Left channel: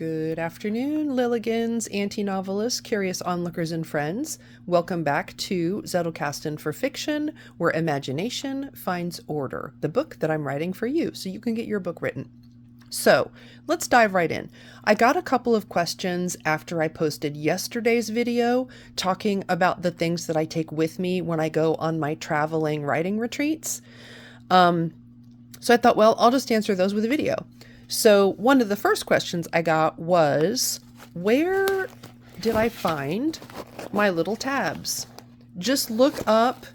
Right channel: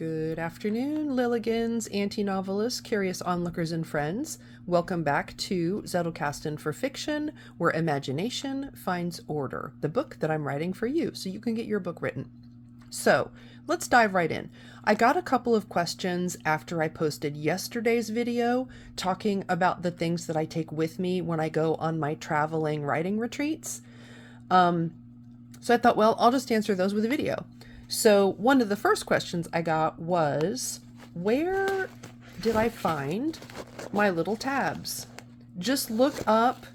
Good afternoon, Lilligans, anti-novelists, curious onlookers, and friends. Welcome back to Zettelkasten for Fiction, where imagination finds order, the book that I'm writing for you, so you can get your book written. So, let's dive right in. I got a couple of questions after I posted yesterday's video talking about the things that I take with me when I go on my traveling writing retreats. So I thought, well, I'll just answer those with a video. So one of the first questions I got was, where did I find my little tabs? Just look up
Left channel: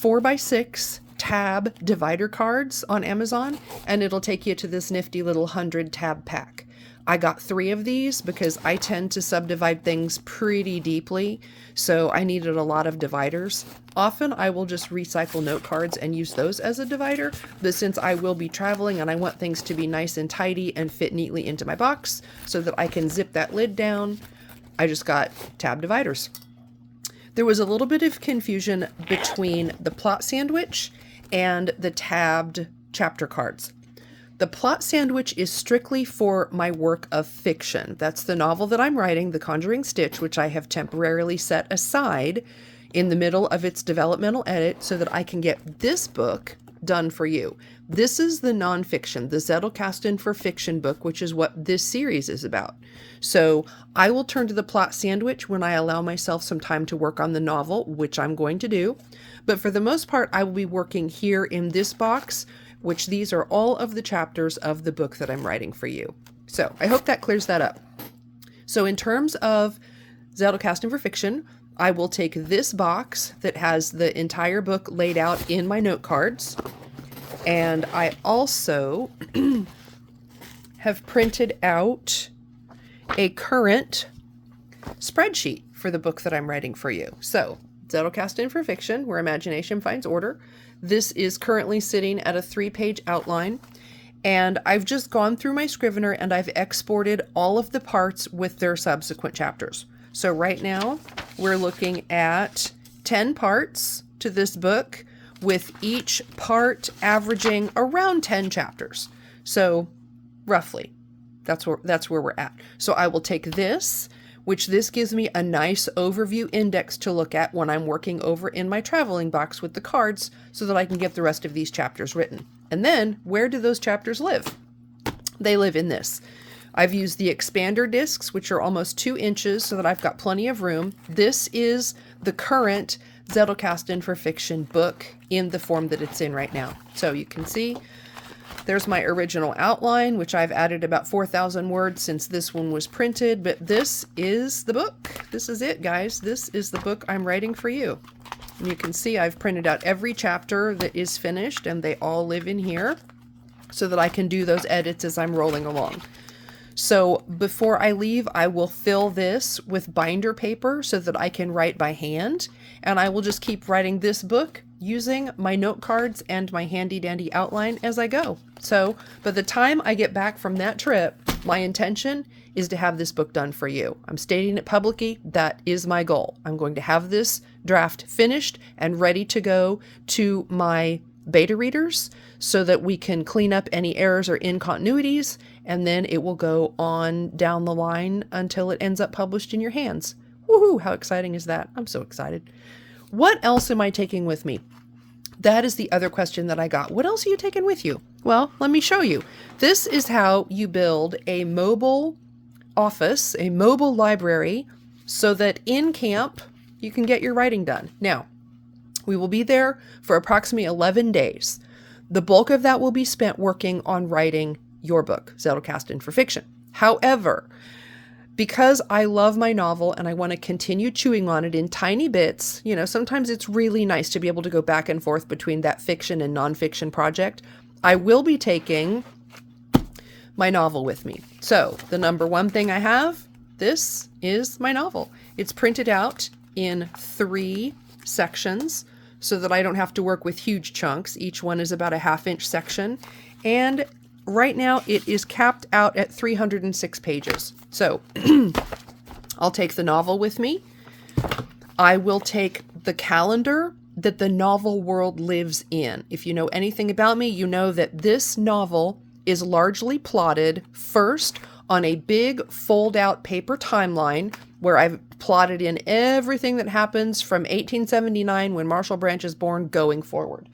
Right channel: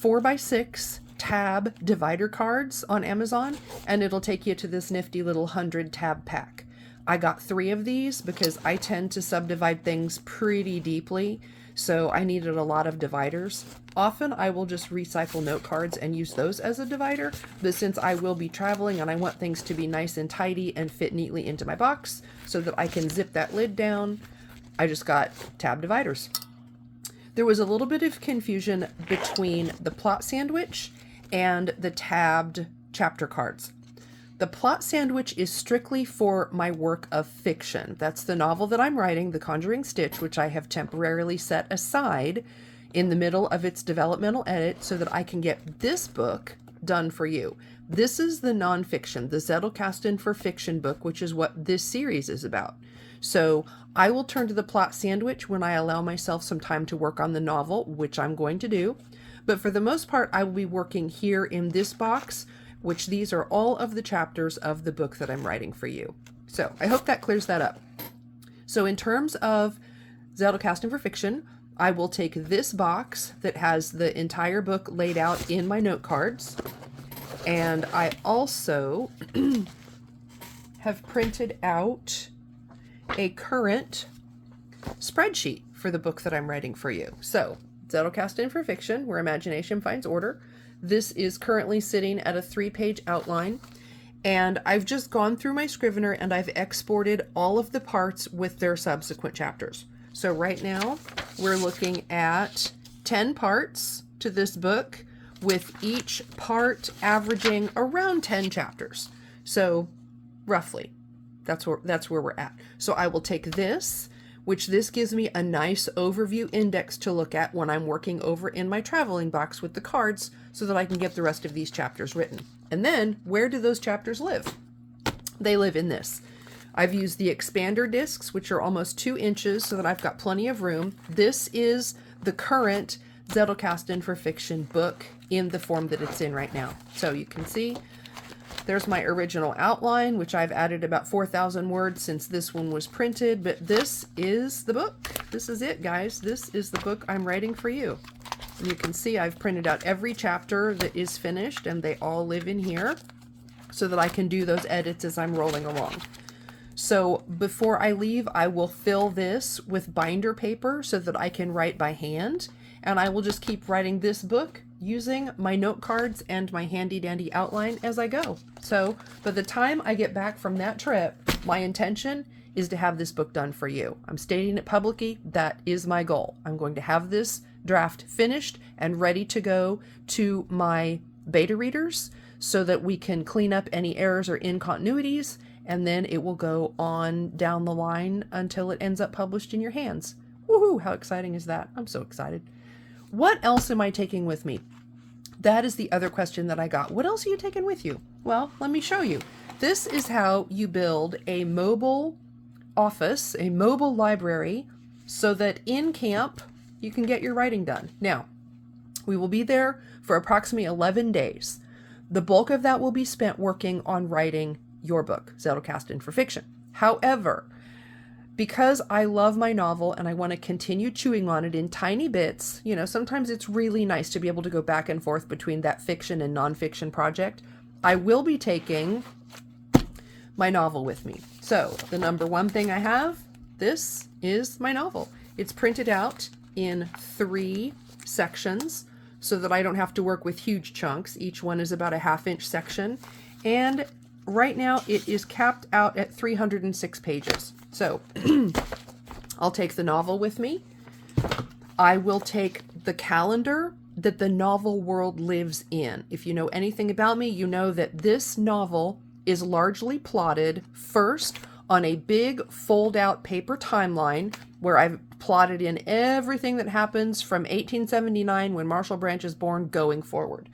4x6 tab divider cards on Amazon and it'll take you to this nifty little 100 tab pack. I got 3 of these because I tend to subdivide things pretty deeply, so I needed a lot of dividers. Often I will just recycle note cards and use those as a divider, but since I will be traveling and I want things to be nice and tidy and fit neatly into my box so that I can zip that lid down, I just got tab dividers. There was a little bit of confusion between the plot sandwich and the tabbed chapter cards. The plot sandwich is strictly for my work of fiction. That's the novel that I'm writing, The Conjuring Stitch, which I have temporarily set aside in the middle of its developmental edit so that I can get this book done for you. This is the nonfiction, the Zettelkasten for Fiction book, which is what this series is about. So I will turn to the plot sandwich when I allow myself some time to work on the novel, which I'm going to do. But for the most part, I will be working here in this box, which these are all of the chapters of the book that I'm writing for you. So I hope that clears that up. So in terms of Zettelkasten for Fiction, I will take this box that has the entire book laid out in my note cards. And I also have printed out a current spreadsheet for the book that I'm writing for you. So Zettelkasten for Fiction, where imagination finds order. This is currently sitting at a 3-page outline, and I've just gone through my Scrivener and I've exported all of the parts with their subsequent chapters. So right now we're looking at 10 parts to this book, with each part averaging around 10 chapters. So roughly, that's where we're at. So I will take this, which this gives me a nice overview index to look at when I'm working over in my traveling box with the cards so that I can get the rest of these chapters written. And then, where do those chapters live? They live in this. I've used the expander discs, which are almost 2 inches, so that I've got plenty of room. This is the current Zettelkasten for Fiction book in the form that it's in right now. So you can see there's my original outline, which I've added about 4,000 words since this one was printed, but this is the book. This is it, guys. This is the book I'm writing for you. And you can see I've printed out every chapter that is finished, and they all live in here so that I can do those edits as I'm rolling along. So before I leave, I will fill this with binder paper so that I can write by hand, and I will just keep writing this book using my note cards and my handy dandy outline as I go. So by the time I get back from that trip, my intention is to have this book done for you. I'm stating it publicly. That is my goal. I'm going to have this draft finished and ready to go to my beta readers so that we can clean up any errors or incontinuities, and then it will go on down the line until it ends up published in your hands. Woohoo! How exciting is that? I'm so excited. What else am I taking with me? That is the other question that I got. What else are you taking with you? Well, let me show you. This is how you build a mobile office, a mobile library, so that in camp you can get your writing done. Now, we will be there for approximately 11 days. The bulk of that will be spent working on writing your book, Zettelkasten for Fiction. However, because I love my novel and I want to continue chewing on it in tiny bits, you know, sometimes it's really nice to be able to go back and forth between that fiction and nonfiction project. I will be taking my novel with me. So the number one thing I have, this is my novel. It's printed out in 3 sections so that I don't have to work with huge chunks. Each one is about a 1/2-inch section. And right now it is capped out at 306 pages. So I'll take the novel with me. I will take the calendar that the novel world lives in. If you know anything about me, you know that this novel is largely plotted first on a big fold-out paper timeline where I've plotted in everything that happens from 1879 when Marshall Branch is born going forward.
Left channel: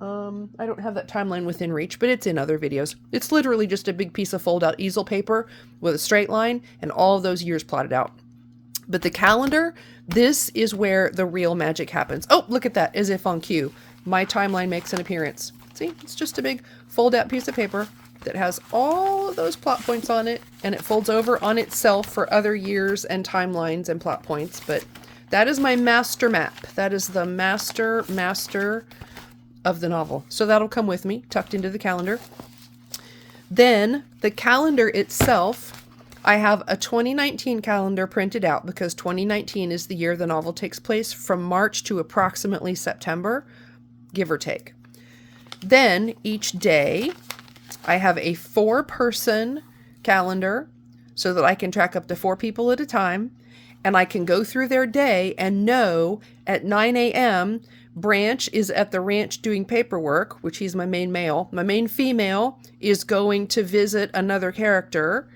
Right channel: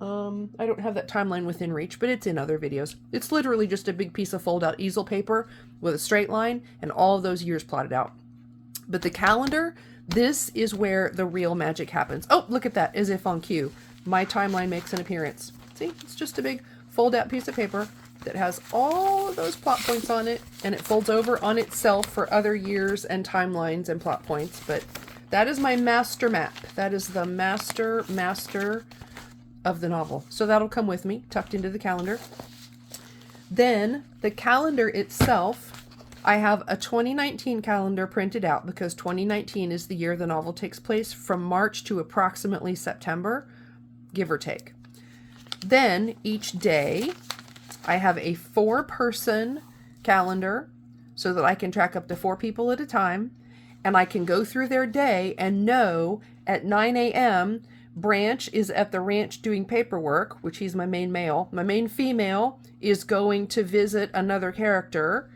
I don't have that timeline within reach, but it's in other videos. It's literally just a big piece of fold-out easel paper with a straight line and all of those years plotted out. But the calendar, this is where the real magic happens. Oh, look at that, as if on cue. My timeline makes an appearance. See, it's just a big fold-out piece of paper that has all of those plot points on it, and it folds over on itself for other years and timelines and plot points. But that is my master map. That is the master of the novel. So that'll come with me, tucked into the calendar. Then the calendar itself, I have a 2019 calendar printed out because 2019 is the year the novel takes place, from March to approximately September, give or take. Then each day I have a 4-person calendar so that I can track up to 4 people at a time, and I can go through their day and know at 9 a.m. Branch is at the ranch doing paperwork, which he's my main male. My main female is going to visit another character.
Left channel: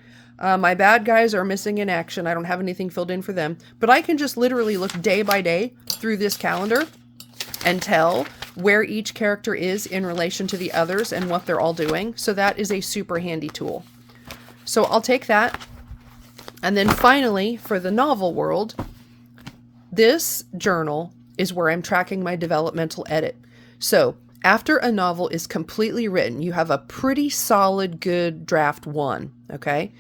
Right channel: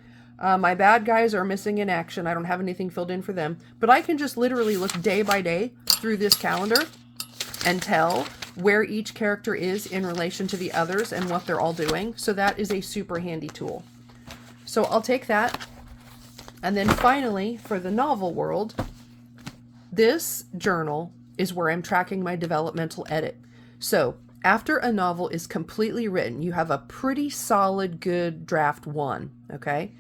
My bad guys are missing in action. I don't have anything filled in for them. But I can just literally look day by day through this calendar and tell where each character is in relation to the others and what they're all doing. So that is a super handy tool. So I'll take that. And then finally, for the novel world, this journal is where I'm tracking my developmental edit. So after a novel is completely written, you have a pretty solid, good draft 1, okay?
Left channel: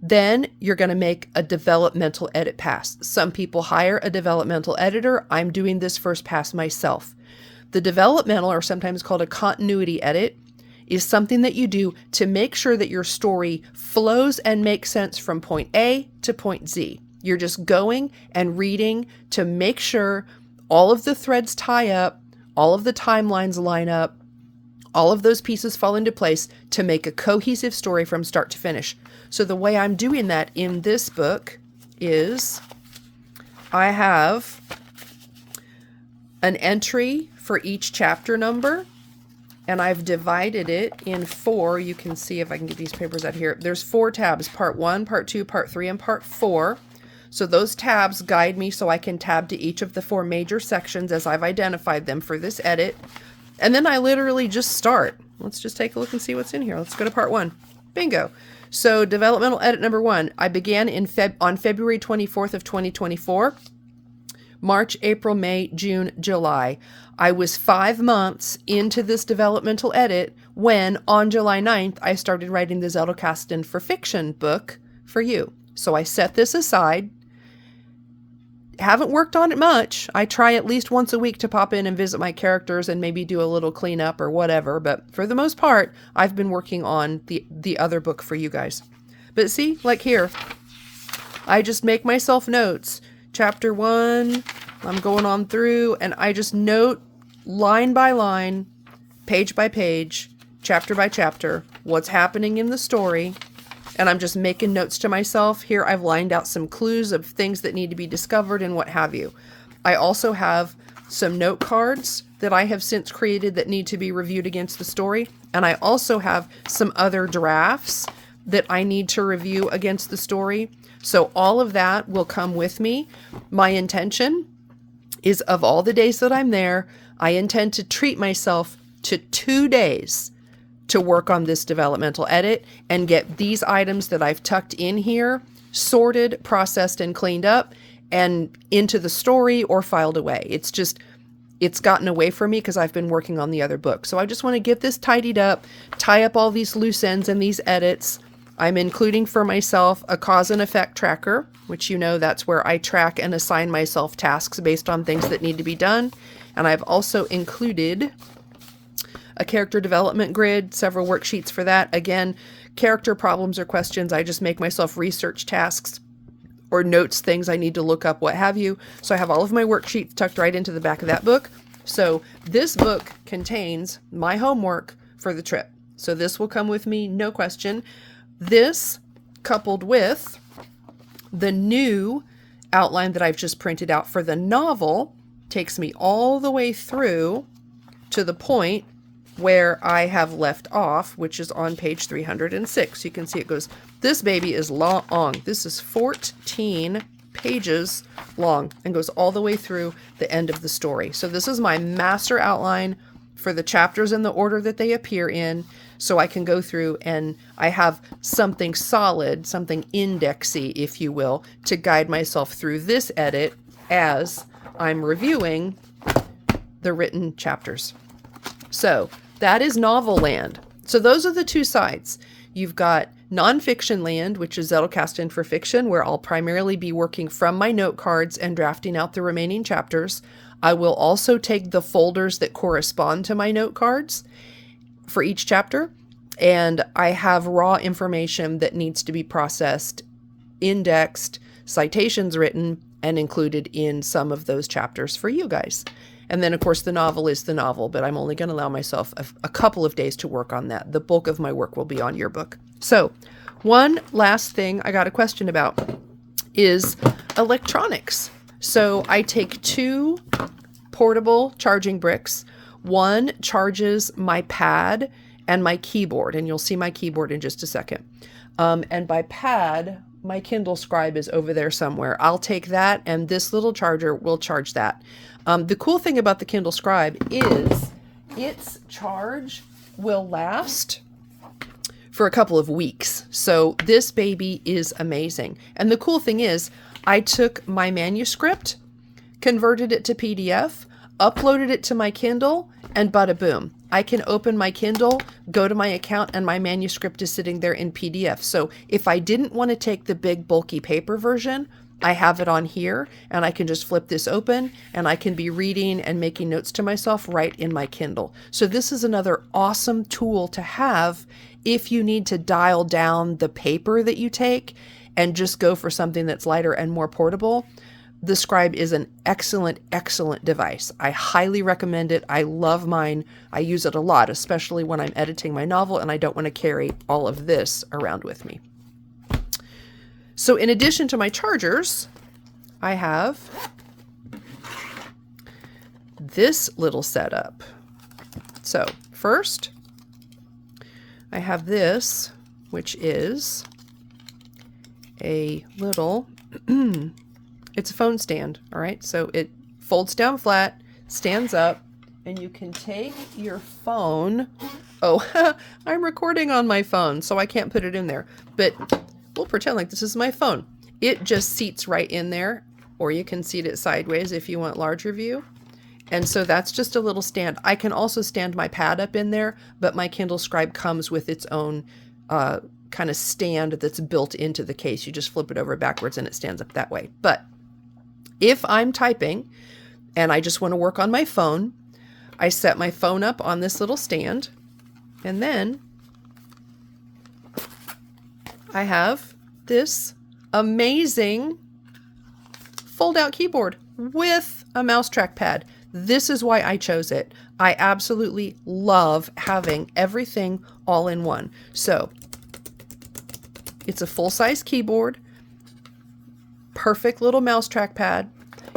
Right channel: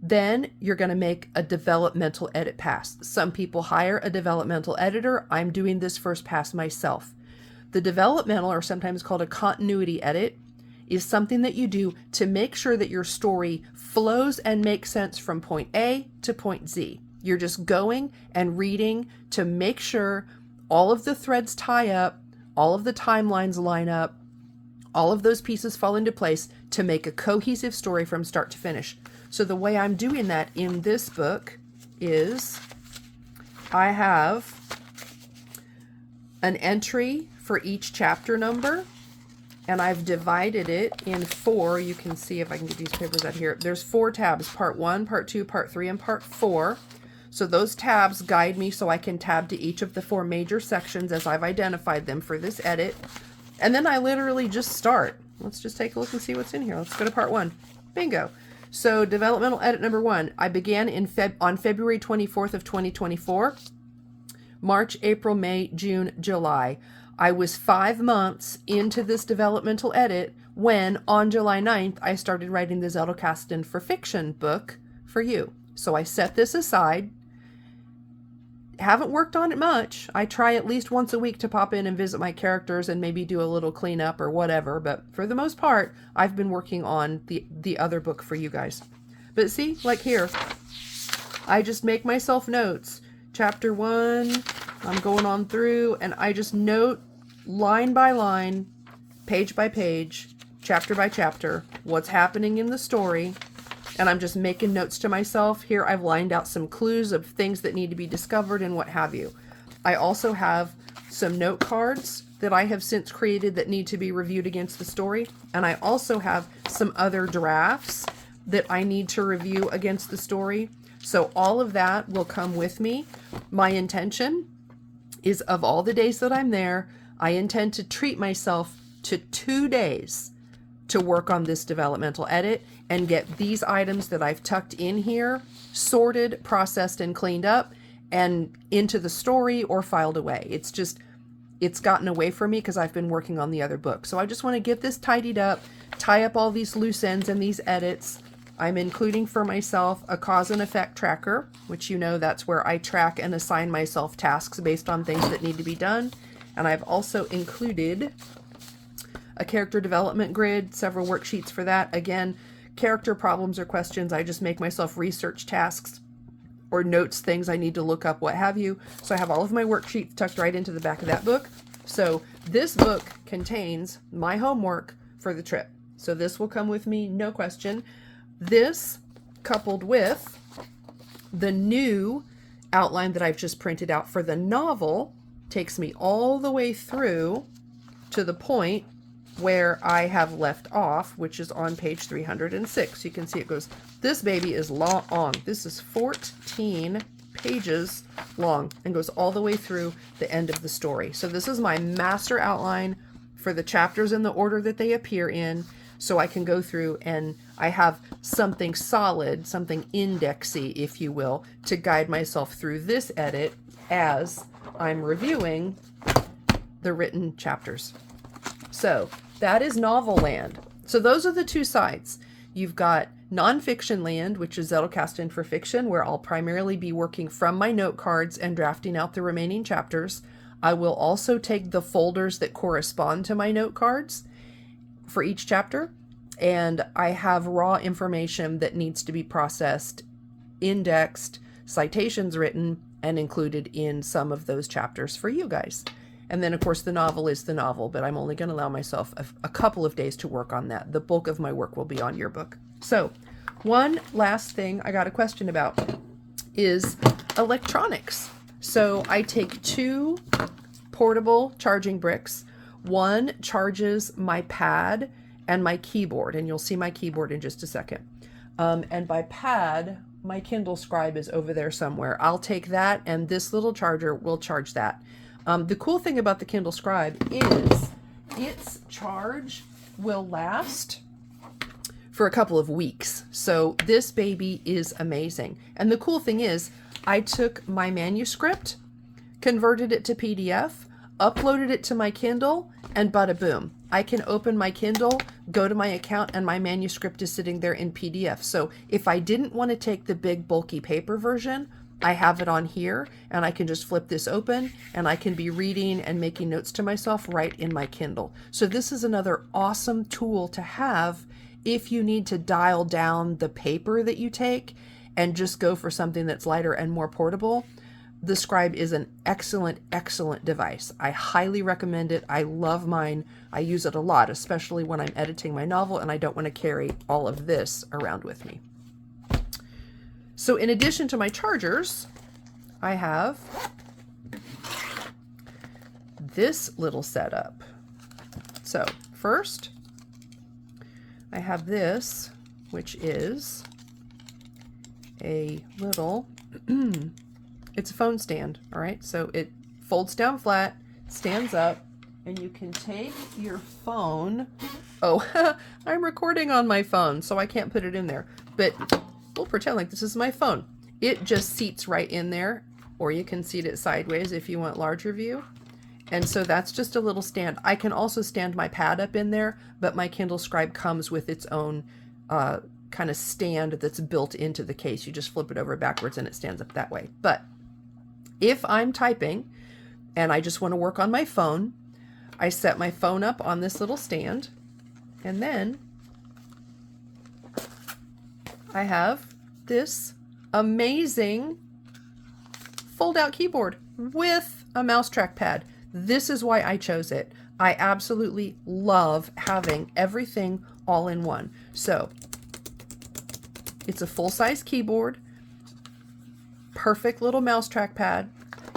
Then you're going to make a developmental edit pass. Some people hire a developmental editor. I'm doing this first pass myself. The developmental, or sometimes called a continuity edit, is something that you do to make sure that your story flows and makes sense from point A to point Z. You're just going and reading to make sure all of the threads tie up, all of the timelines line up, all of those pieces fall into place to make a cohesive story from start to finish. So the way I'm doing that in this book is I have an entry for each chapter number, and I've divided it in 4. You can see if I can get these papers out here. There's 4 tabs, part 1, part 2, part 3, and part 4. So those tabs guide me so I can tab to each of the 4 major sections as I've identified them for this edit. And then I literally just start. Let's just take a look and see what's in here. Let's go to part 1. Bingo. So developmental edit number 1. I began on February 24th of 2024. March, April, May, June, July. I was 5 months into this developmental edit when on July 9th I started writing the Zettelkasten for fiction book for you. So I set this aside. Haven't worked on it much. I try at least once a week to pop in and visit my characters and maybe do a little cleanup or whatever. But for the most part, I've been working on the other book for you guys. But see, like here, I just make myself notes. Chapter 1, I'm going on through, and I just note line by line, page by page, chapter by chapter, what's happening in the story. And I'm just making notes to myself. Here I've lined out some clues of things that need to be discovered and what have you. I also have some note cards that I have since created that need to be reviewed against the story. And I also have some other drafts that I need to review against the story. So all of that will come with me. My intention is, of all the days that I'm there, I intend to treat myself to 2 days to work on this developmental edit and get these items that I've tucked in here sorted, processed, and cleaned up and into the story or filed away. It's gotten away from me because I've been working on the other book. So I just want to get this tidied up, tie up all these loose ends and these edits. I'm including for myself a cause and effect tracker, which that's where I track and assign myself tasks based on things that need to be done. And I've also included a character development grid, several worksheets for that. Again, character problems or questions, I just make myself research tasks or notes, things I need to look up, what have you. So I have all of my worksheets tucked right into the back of that book. So this book contains my homework for the trip. So this will come with me, no question. This, coupled with the new outline that I've just printed out for the novel, takes me all the way through to the point where I have left off, which is on page 306. You can see it goes, this baby is long. This is 14 pages long and goes all the way through the end of the story. So this is my master outline for the chapters in the order that they appear in, so I can go through and I have something solid, something indexy, if you will, to guide myself through this edit as I'm reviewing the written chapters. So that is novel land. So those are the two sides. You've got nonfiction land, which is Zettelkasten for fiction, where I'll primarily be working from my note cards and drafting out the remaining chapters. I will also take the folders that correspond to my note cards for each chapter, and I have raw information that needs to be processed, indexed, citations written, and included in some of those chapters for you guys. And then, of course, the novel is the novel, but I'm only going to allow myself a couple of days to work on that. The bulk of my work will be on your book. So one last thing I got a question about is electronics. So I take 2 portable charging bricks. One charges my pad and my keyboard, and you'll see my keyboard in just a second. And by pad, my Kindle Scribe is over there somewhere. I'll take that, and this little charger will charge that. The cool thing about the Kindle Scribe is its charge will last for a couple of weeks. So this baby is amazing. And the cool thing is I took my manuscript, converted it to PDF, uploaded it to my Kindle, and bada boom. I can open my Kindle, go to my account, and my manuscript is sitting there in PDF. So if I didn't want to take the big bulky paper version, I have it on here, and I can just flip this open, and I can be reading and making notes to myself right in my Kindle. So this is another awesome tool to have if you need to dial down the paper that you take and just go for something that's lighter and more portable. The Scribe is an excellent, excellent device. I highly recommend it. I love mine. I use it a lot, especially when I'm editing my novel and I don't want to carry all of this around with me. So in addition to my chargers, I have this little setup. So first, I have this, which is a little, it's a phone stand, all right? So it folds down flat, stands up, and you can take your phone. Oh, I'm recording on my phone, so I can't put it in there, but we'll pretend like this is my phone. It just seats right in there, or you can seat it sideways if you want larger view. And so that's just a little stand. I can also stand my pad up in there, but my Kindle Scribe comes with its own kind of stand that's built into the case. You just flip it over backwards and it stands up that way. But if I'm typing and I just want to work on my phone, I set my phone up on this little stand, and then I have this amazing fold-out keyboard with a mouse trackpad. This is why I chose it. I absolutely love having everything all in one. So it's a full-size keyboard, perfect little mouse trackpad.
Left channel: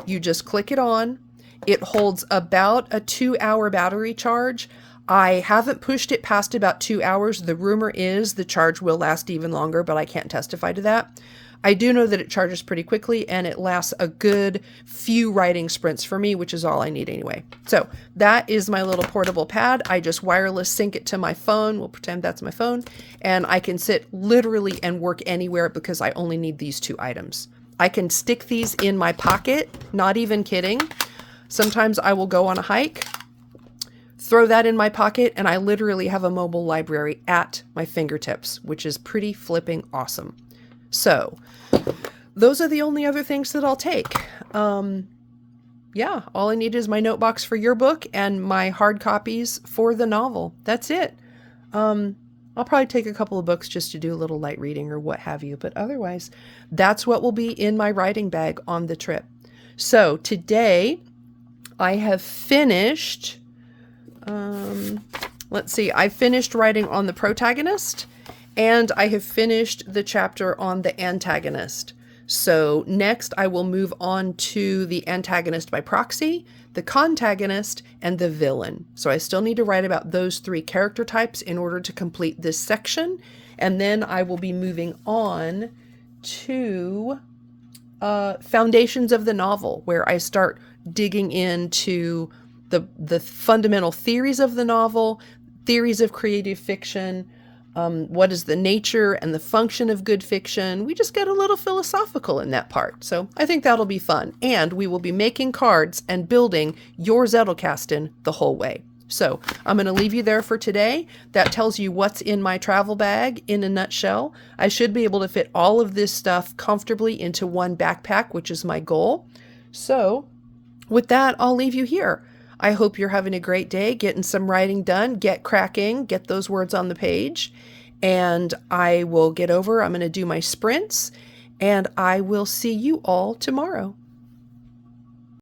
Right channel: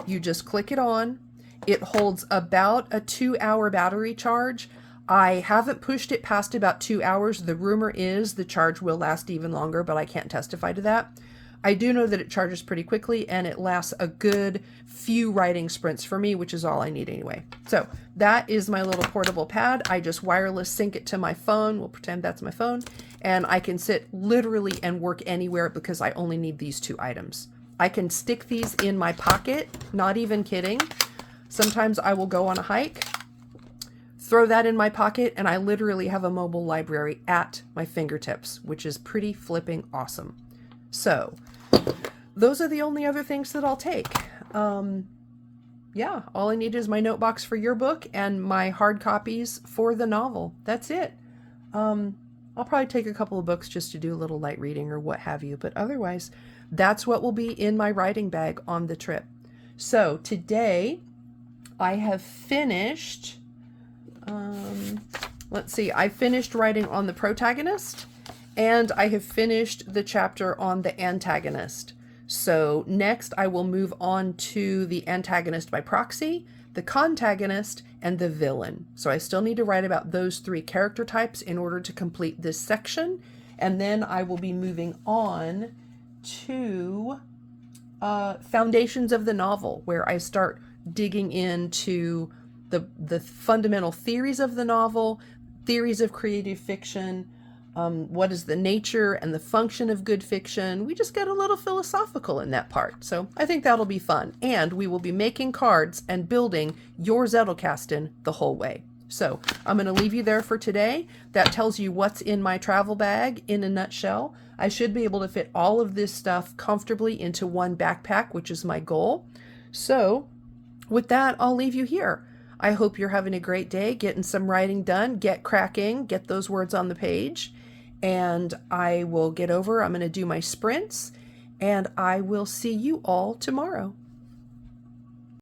You just click it on. It holds about a 2-hour battery charge. I haven't pushed it past about 2 hours. The rumor is the charge will last even longer, but I can't testify to that. I do know that it charges pretty quickly and it lasts a good few writing sprints for me, which is all I need anyway. So that is my little portable pad. I just wireless sync it to my phone. We'll pretend that's my phone. And I can sit literally and work anywhere because I only need these 2 items. I can stick these in my pocket, not even kidding. Sometimes I will go on a hike, throw that in my pocket, and I literally have a mobile library at my fingertips, which is pretty flipping awesome. So those are the only other things that I'll take. Yeah, all I need is my note box for your book and my hard copies for the novel. That's it. I'll probably take a couple of books just to do a little light reading or what have you, but otherwise that's what will be in my writing bag on the trip. So today I have finished, let's see, I finished writing on the protagonist and I have finished the chapter on the antagonist. So next I will move on to the antagonist by proxy, the contagonist, and the villain. So I still need to write about those 3 character types in order to complete this section. And then I will be moving on to foundations of the novel, where I start digging into the fundamental theories of the novel, theories of creative fiction, what is the nature and the function of good fiction. We just get a little philosophical in that part. So I think that'll be fun. And we will be making cards and building your Zettelkasten the whole way. So I'm going to leave you there for today. That tells you what's in my travel bag in a nutshell. I should be able to fit all of this stuff comfortably into one backpack, which is my goal. So with that, I'll leave you here. I hope you're having a great day, getting some writing done, get cracking, get those words on the page, and I'm going to do my sprints, and I will see you all tomorrow.